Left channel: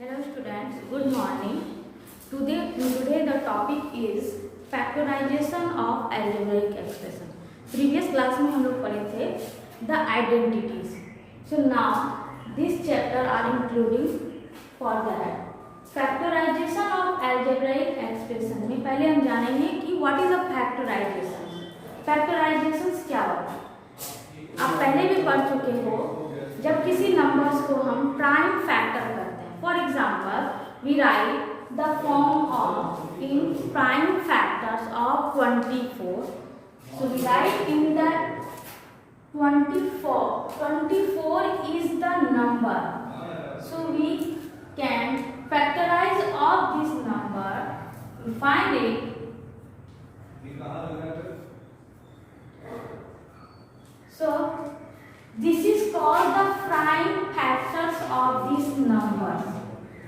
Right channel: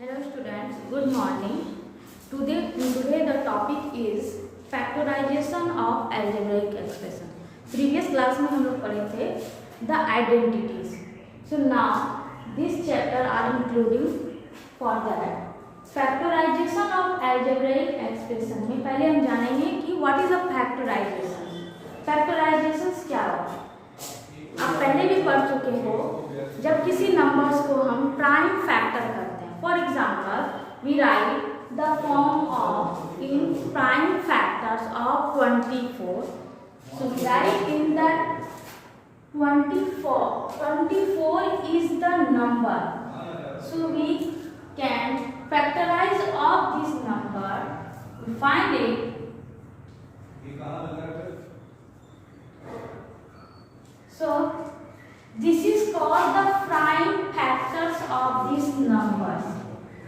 Hello students, good morning. Today the topic is factorization of algebraic expression. Previous class में हम लोग पढ़े थे the identities. So now this chapter are including for that factorization of algebraic expression में पहले हम जानेंगे कि what is a factorization. Factorizations क्या होता है? आप पहले भी पढ़ चुके हो जब किसी नंबर्स को हम प्राइम फैक्टर करते हैं. For example we write the form of in prime factors of 24. So we write in that 24 is the number. So we can factorize of this number. We find it. So this is called the prime factors of these numbers.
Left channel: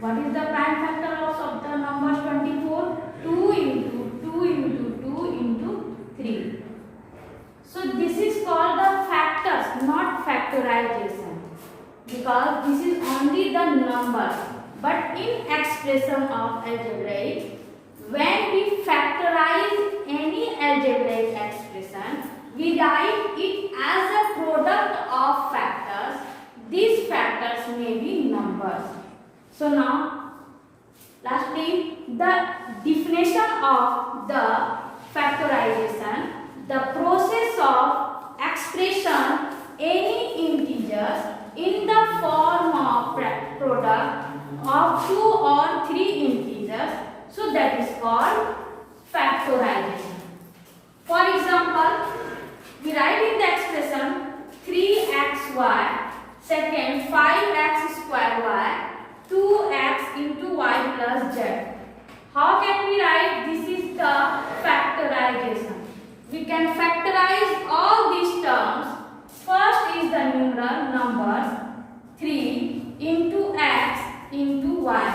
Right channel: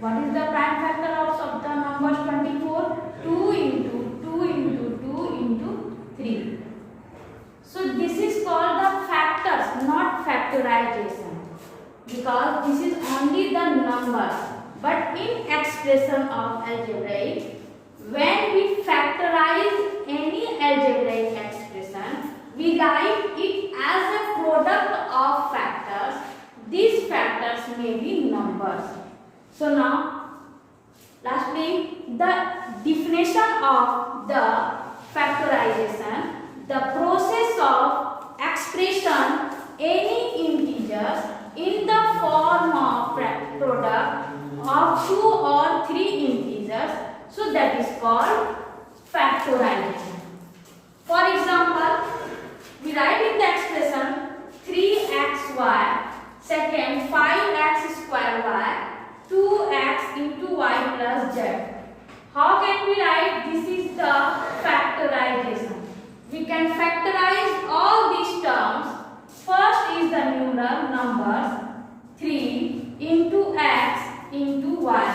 What is the prime factor of the numbers 24? 2 into 2 into 2 into 3. So this is called the factors, not factorization, because this is only the numbers. But in expression of algebraic, when we factorize any algebraic expression, we write it as a product of factors. These factors may be numbers. So now, lastly, the definition of the factorization, the process of expression any integers in the form of product of 2 or 3 integers. So that is called factorization. For example, we write in the expression 3xy, second 5x square y, 2x into y plus z. How can we write? This is the factorization. We can factorize all these terms. First is the numeral number 3 into x into y.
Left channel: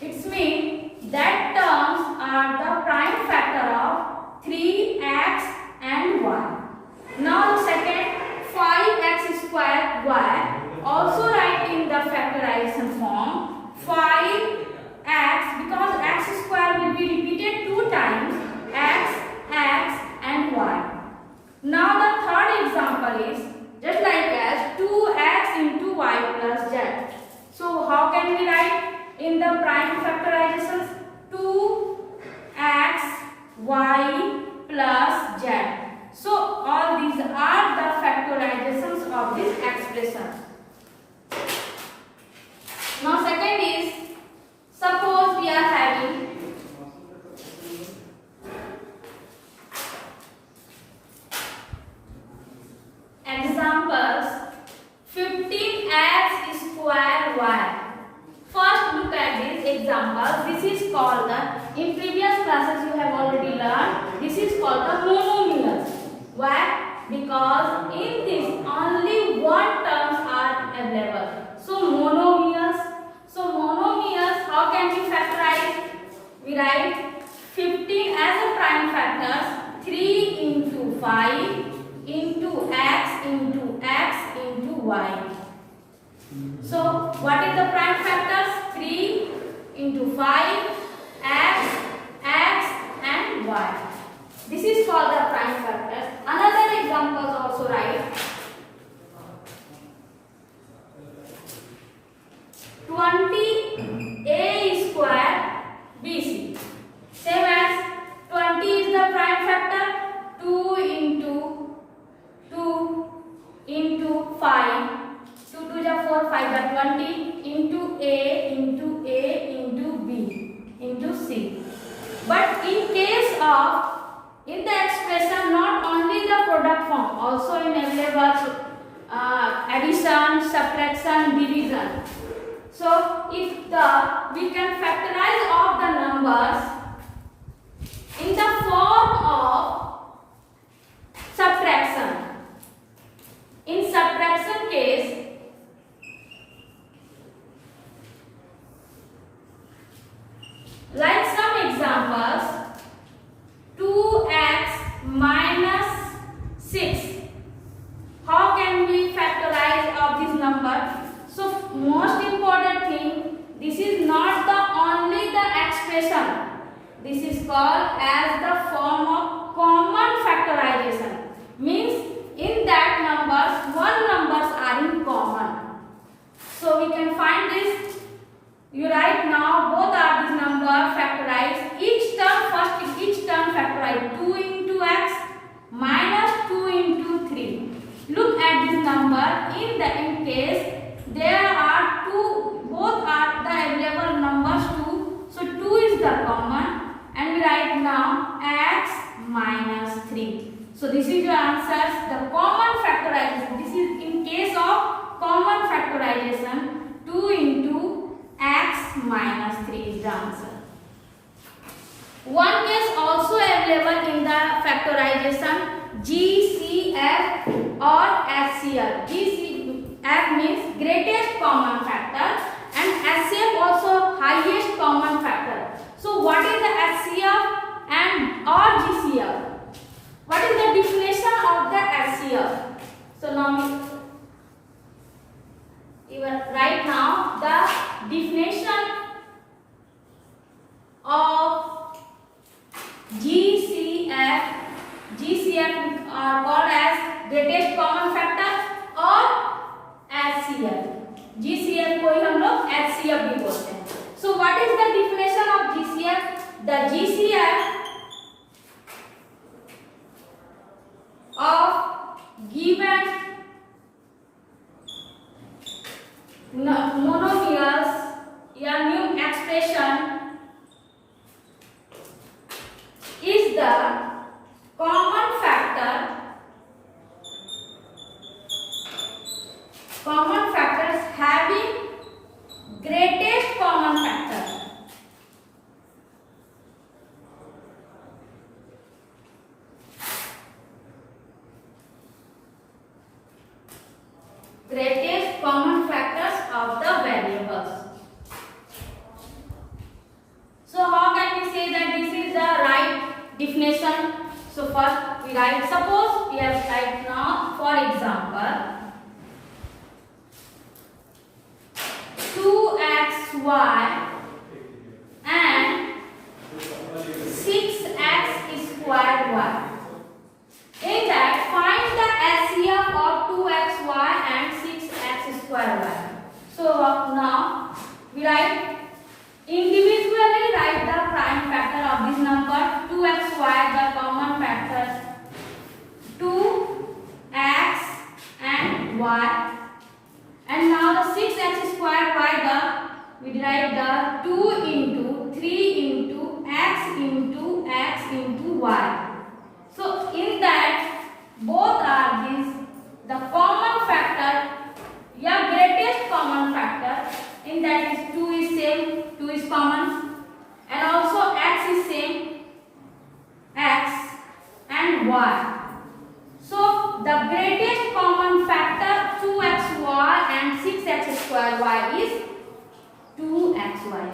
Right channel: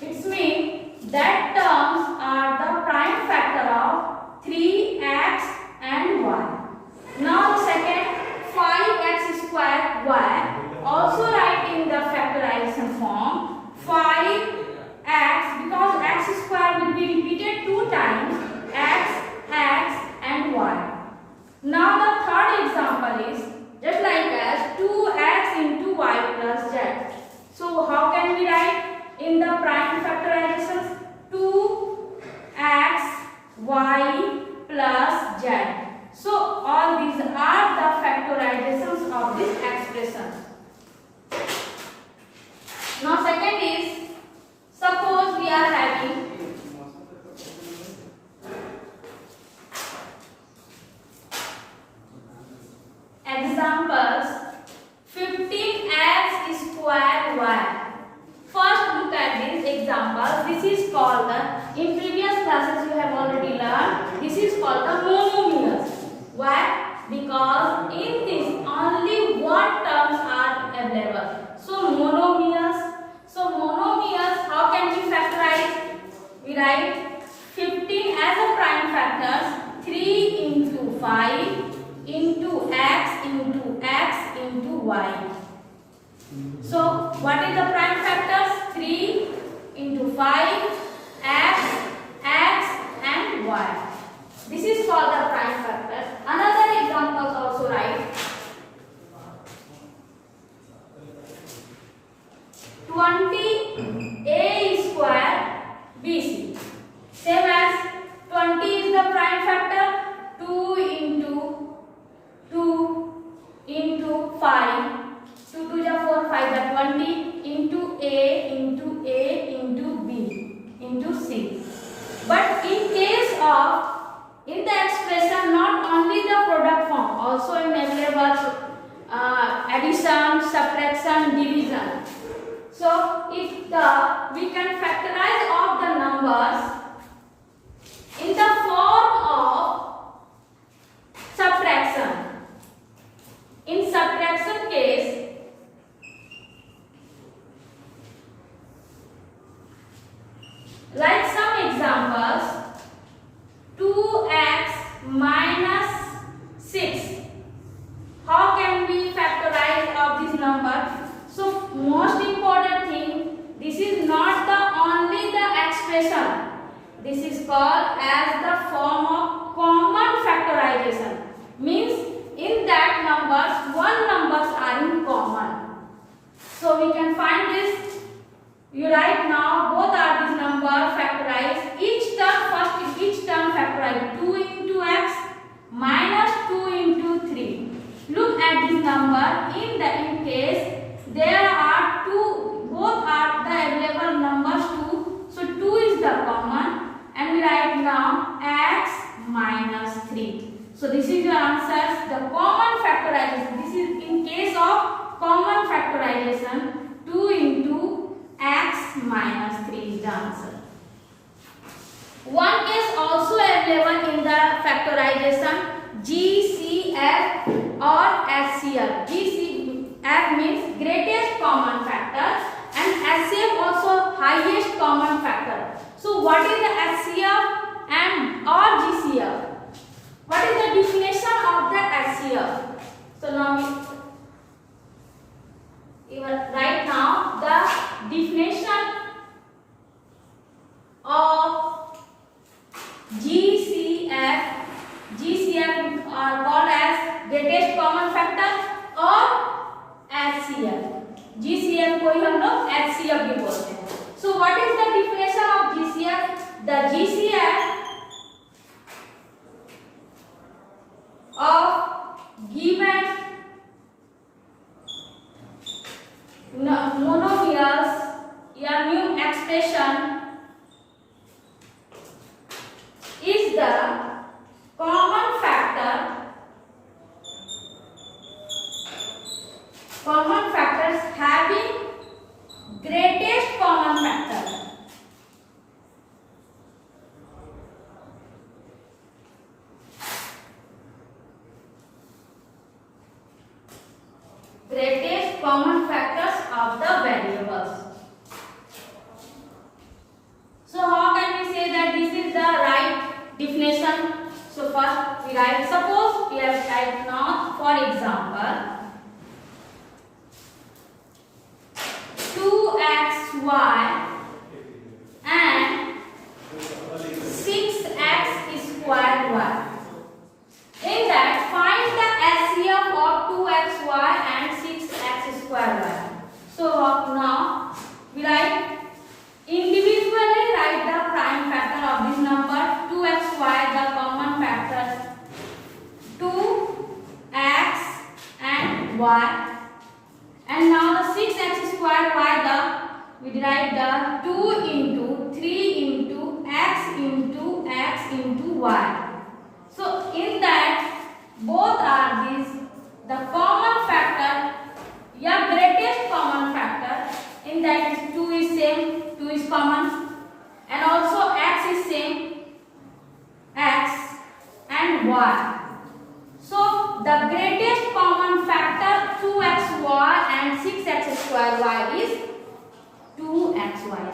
It means that terms are the prime factor of 3x and y. Now the second 5x square y, also write in the factorization form 5x, because x square will be repeated 2 times, x and y. Now the third example is just like as 2x into y plus z. So how can we write in the prime factorizations? 2x y plus z. So all these are the factorizations of this expression. Now second is, suppose we are having examples 15x square y. First look at this example. This is called the, in previous classes you have already learned, this is called the monomials. Why? Because in this only one terms are available. So monomials. So monomials, how can we factorize? We write 15 as a prime factors, 3 into 5 into x into y. So what is the prime factors? 3 into 5, x and y. This is called the prime factors. Another example also write 20a square bc. Same as 20 is the prime factor, 2 into 5. 2 2 is 4, 5 is 20 into a into b into c. But in case of, in the expression, not only the product form, also in available addition, subtraction, division. So if we can factorize of the numbers in the form of subtraction. In subtraction case, like some examples, 2x minus 6. How can we factorize of this number? So most important thing, this is not the only the expression. This is called as the form of common factorization. Means in that numbers, one numbers are in common. So we can find this. You write now both are these numbers factorized. Each term factorized 2 into x minus 2 into 3. Look at this number. In case there are two, both are the available numbers 2. So 2 is the common, and we write now x minus 3. So this is your answer. The common factorization. This is in case of common factorization. 2 into x minus 3 is the answer. One case also available in the factorization, GCF or HCF. GCF means greatest common factor and HCF also highest common factor. So what is the HCF and or GCF? What is the definition of the HCF? So now right now the definition of GCF are called as greatest common factor और HCF. GCF को ही हम लोग HCF भी बोलते हैं. So what is the definition of GCF? The GCF of given monomials या new expression is the common factors having greatest common factor. Greatest common factors of the variables. So how can we say that this is the right definition? So first we write, suppose we have right now, for example, 2xy and 6x squared y. In that, find the LCM of 2xy and 6x squared y. So now we write individually write the prime factor of this number. 2xy the common factor 2x and y, and now the 6x squared y we derive the 2 into 3 into x into y. So in that both are these the common factor, yeah, greatest common factor. In that is 2 is same, 2 is common, and also x is same, x and y. So the greatest common factor 2xy and 6x squared y is 2xy.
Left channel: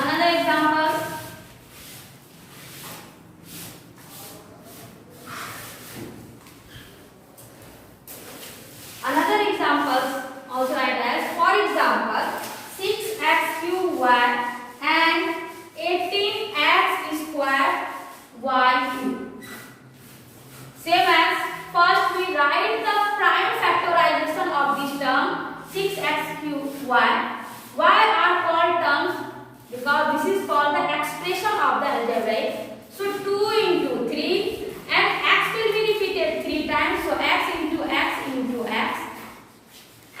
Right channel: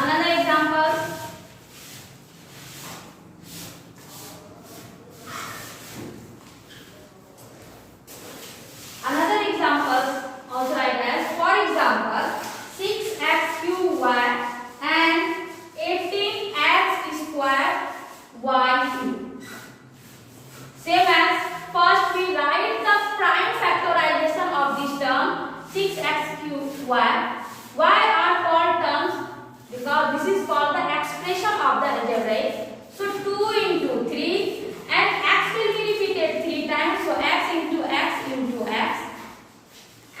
Another example. Another example also write as, for example, 6x cubed y and 18x squared y cubed. Same as first we write the prime factorization of this term 6x cubed y. Y are called terms because this is called the expression of the algebraic. So 2 into 3 and x will be repeated 3 times. So x into x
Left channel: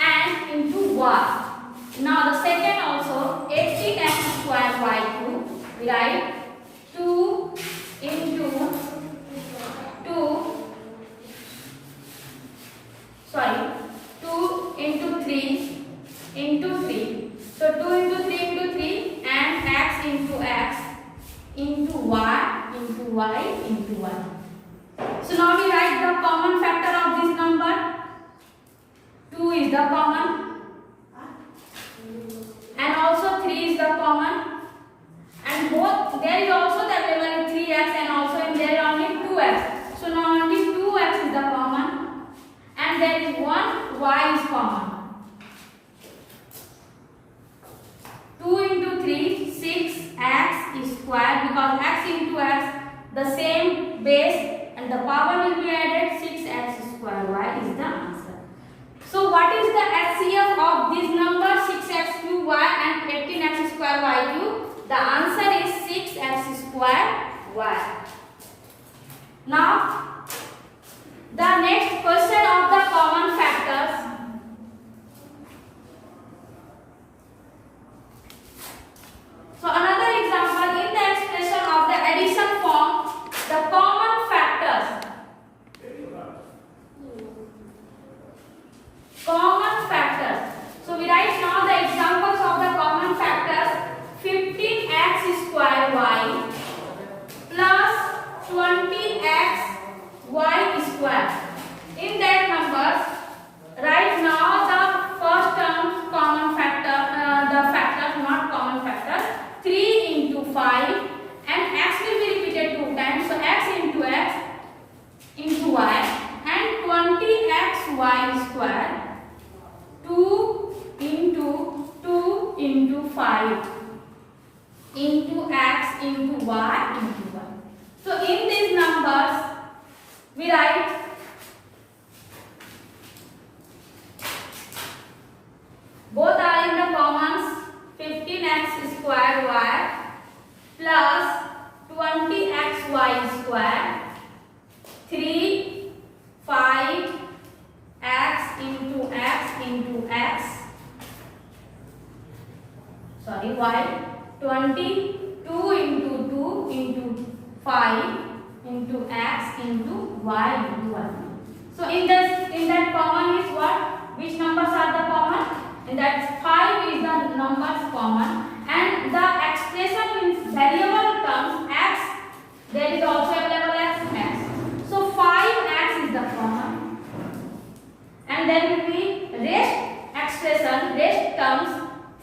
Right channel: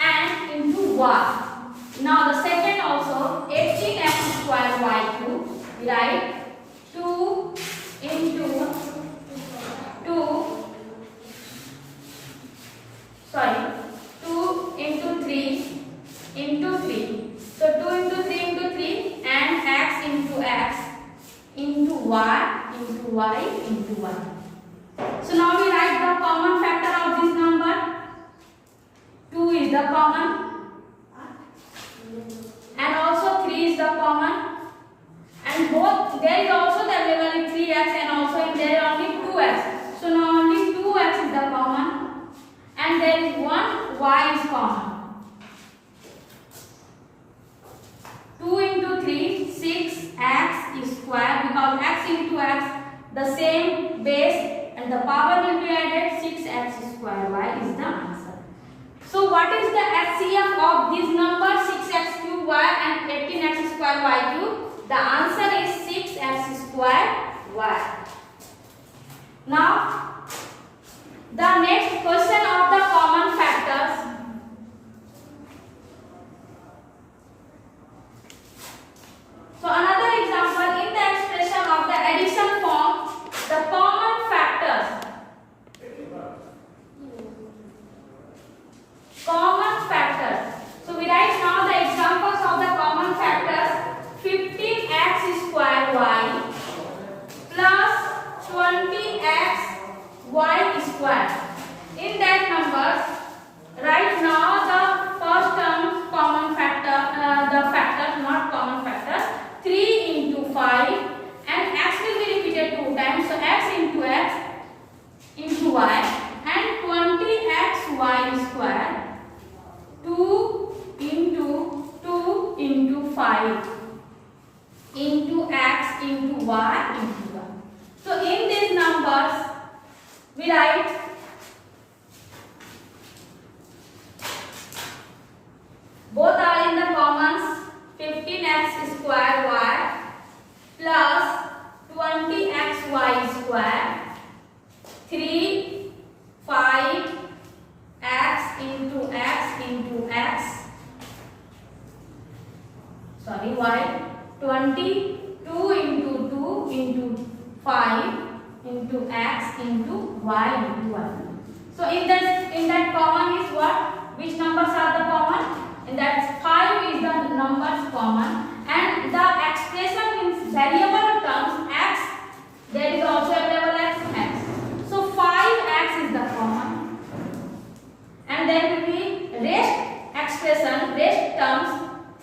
and into y. Now the second also 18x squared y cubed. We write 2 into 3 into 3. So 2 into 3 into 3 and x into y into y. So now we write the common factor of this number. 2 is the common and also 3 is the common, and both there is also the available 3x and also in there only 2x. So now only 2x is the and there is one y is common. 2 into 3, 6x is square, because x into x the same base and the power will be added. 6x square y is the answer. So what is the HCF of these numbers 6x cube y and 18x square y cube? The answer is 6x square y. Now the next question of the common factors. So another example, in the expression of the addition form, the common factors. Common factors. So we write now the examples of the common factors. 15x square y plus 20x y square. In that numbers, right now the first term common factor, the factors not common factors. 3 into 5 and x will be repeated 2 times. So x into y and 20x y square. 2 into 5 into x into y into y. So in these numbers we write both are in the commons. 15x square y plus 20x y square. 3 5 x into x sorry y. 22 into 2 into 5 into x into y into y. So in that common is what? Which numbers are the common? And that 5 is the numbers common, and the expression means variable terms x, there is also available x. So 5x is the common, and then will be rest expression, rest terms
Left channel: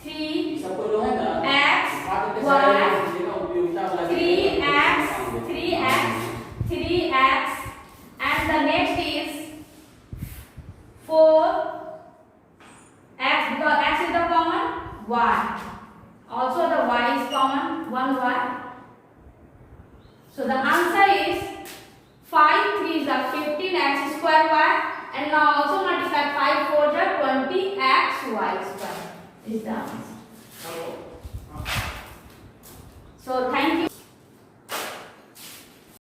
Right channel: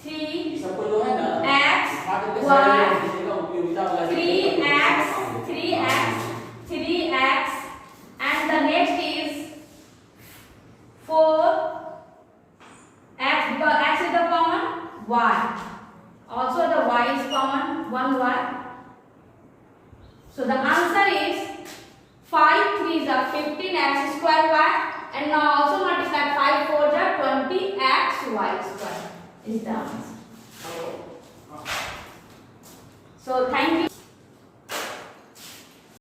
3x y 3x, and the next is 4x, because x is the common, y. Also the y is common, 1y. So the answer is 5 3s are 15x square y, and now also multiply 5 4s are 20x y square is the answer. So thank